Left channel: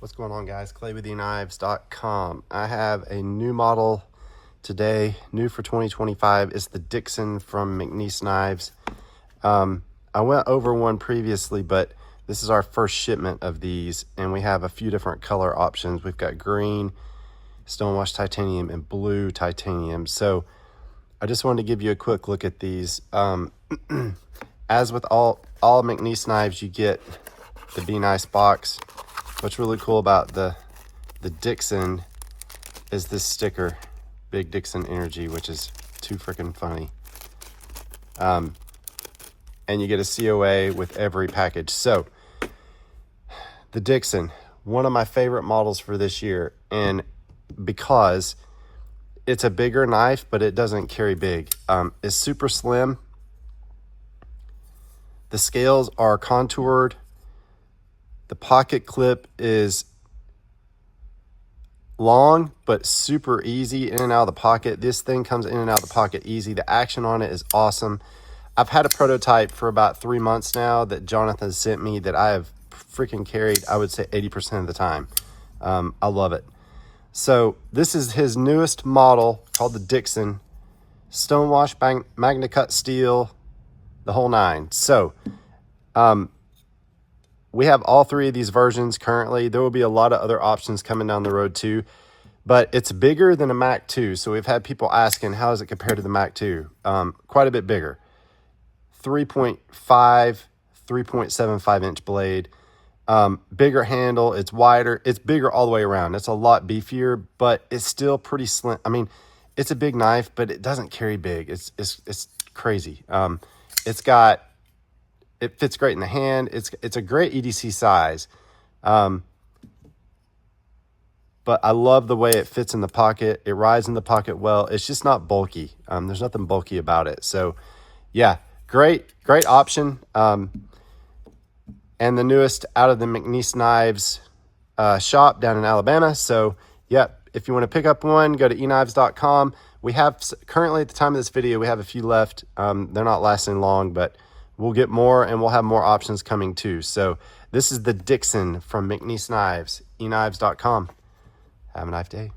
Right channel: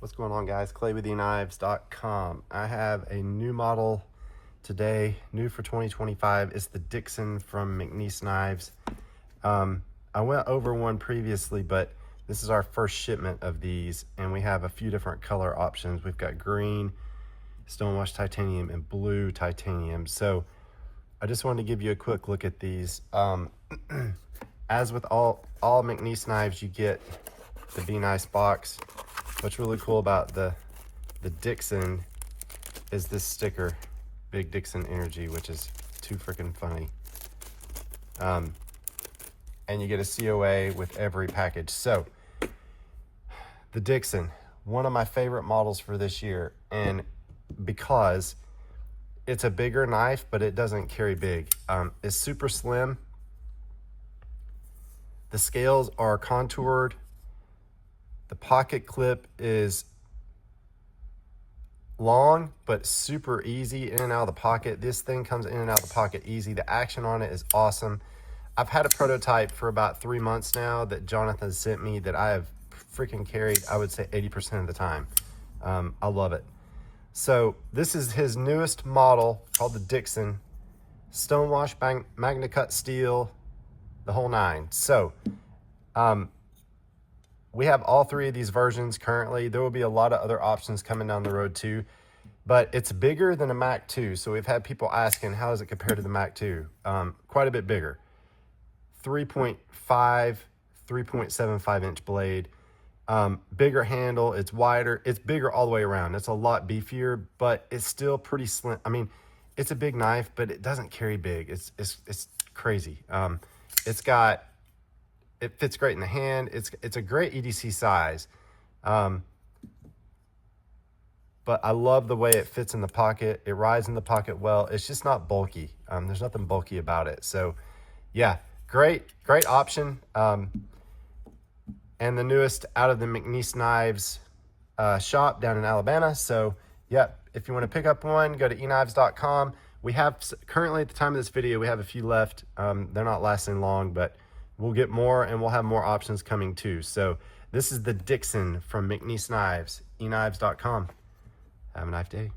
What's going on, guys? claywithyknives.com. I have a new model today, new for 2025. It's the Dixon from McNees Knives. I went over one previously, but this is our first shipment of these, and we have a few different color options. We've got green, stonewashed titanium, and blue titanium. So I just wanted to give you a quick look at these. As with all McNees knives, you get the Be Nice box. What's really cool about the Dixon is this sticker, Big Dixon Energy, which is too freaking funny. And you get a COA with every package. So the Dixon, one of my favorite models for this year, and because it's a bigger knife, but it doesn't carry big. It's super slim. The scales are contoured. The pocket clip is long, but super easy in and out of the pocket. This thing comes in and out of the pocket easy. The action on it is awesome. I've had a prototype for about 3 months now that Jonathan sent me that I have freaking carried, I would say 80% of the time. I love it. So this is his newest model called the Dixon. Stonewash, MagnaCut steel, the whole nine. So we have all three of these versions currently. There will be a lot of other options coming down the road too, but it's bigger than a Mac 2. So we've had people asking, how does it compare to the Mac 2? Quite a bit bigger. 3.5, 3.75 inch blade. Bigger handle, it's wider, it's bigger all the way around. It's a lot beefier, but it's still pretty slim. I mean, it's a big knife, but it doesn't carry big. It's crazy. It fits great in the hand. It's a great EDC size. But I love the way it fits in the pocket. It rides in the pocket well. It's just not bulky. There's nothing bulky about it. So yeah, great option. And the newest out of the McNees Knives shop down in Alabama. So yeah, if you want to pick up one, go to eknives.com. We have currently, at the time of this video, we have a few left. They're not lasting long, but we'll get more, and we'll have more options coming too. So this is the Dixon from McNees Knives, eknives.com. Have a nice day.